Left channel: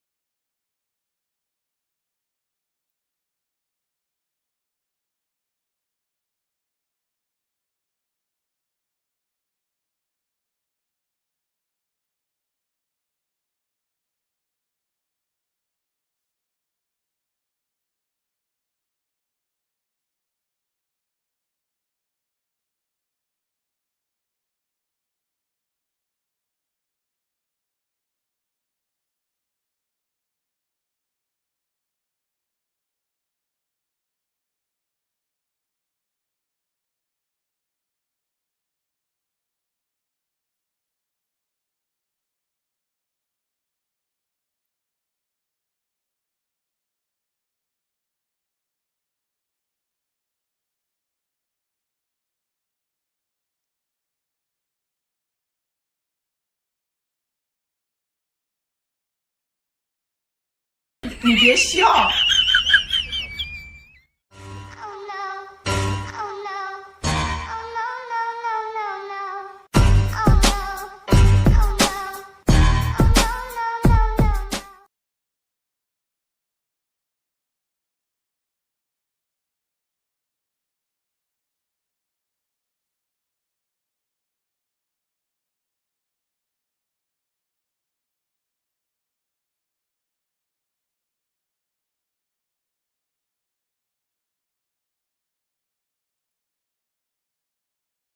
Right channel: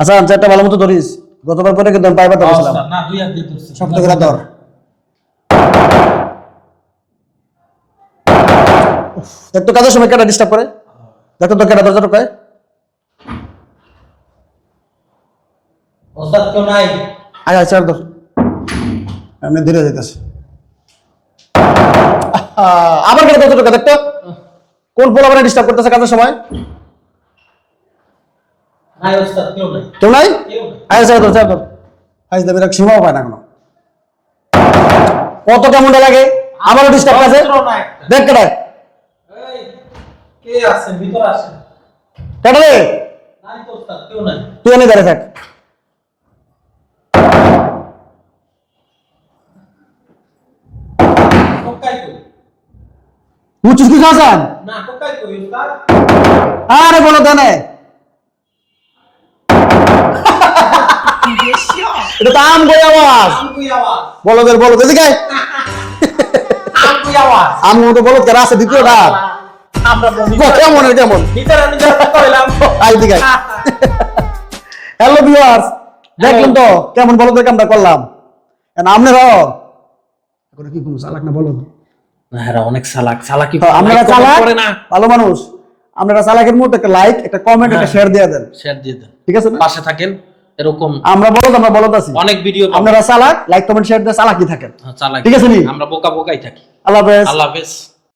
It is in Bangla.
হাসান চারটা ভালো মতো ধরিস, গতবার করে কিন্তু আমি পাইবার ধরেছিলাম না, দুই হাত দিয়ে ধরছি। শক্ত করে ধর। একটু কাজের সময় কেটা ডিস্টার্ব করে, দেখো তো কেটা দরজা ঢোকায়। ওস্তাদ কেউ নাই? আয় আয় চার ধর, এমনি ধীরে যেতেছে। আবার কেটে দরজা ঢোকা, দেখতো কোন পোলা মানে ডিস্টার্ব করতেছে কাজের সময়। নাই ওস্তাদ, কেউ নাই। কেউ নাই? কেউ নাই। আয় চার ধর চার ধর। আজ দেবের এক সীমাও পায় না কোনো। কত কেমনটা লাগে, আবারও ডিস্টার্ব আছে। অস্ত্র নাই। দেখ কেটায়, এই, কে আছে? ভিতর আসেন। কেটা রে? নাই তো ওস্তাদ, কেউ নাই। তুই এনে দাঁড়িয়ে থাক। কোকাই কই? বুঝছিস কি হাসান? না, কোকাই কই ওস্তাদ? আরে বলো দেনে, এটা তো আম গই আওয়াজ। আম কই আওয়াজ? বলো দের বলো এদিকে আয়। আম কই আওয়াজ? আম মতো বলো কেরা আছে দ্বিতীয়টা। আমরা কেমন কেমন ভিতরে কইলাম। আই দিকে। হ্যালো ভিউয়ার্স, দেখলেন তো কেমন বলো দেখে আমরা করলাম। আপনারাও এখন কি কোনো চালাক না বলো। না, এরা অনেক চালাক। চালাকি আপনারা like চালাক, করে না। ভালো মানুষ। আপনারা চালাকের মধ্যে একটা লাইক, একটা কমেন্ট, একটা শেয়ার দিয়ে দেন, শেয়ার দিয়ে দেন, ঠিক আছে না? পাশে থাকেন। এরকম আমরা বলদ আছি। অনেক ভিডিও আপনারা চালাক, লাইক কমেন্ট শেয়ার দিয়ে চালাকি থাকেন, চালাকি, ঠিক আছে নি? আমরা বোকা বোকাই থাকি। আল্লাহ হাফেজ। আল্লাহ হাফেজ।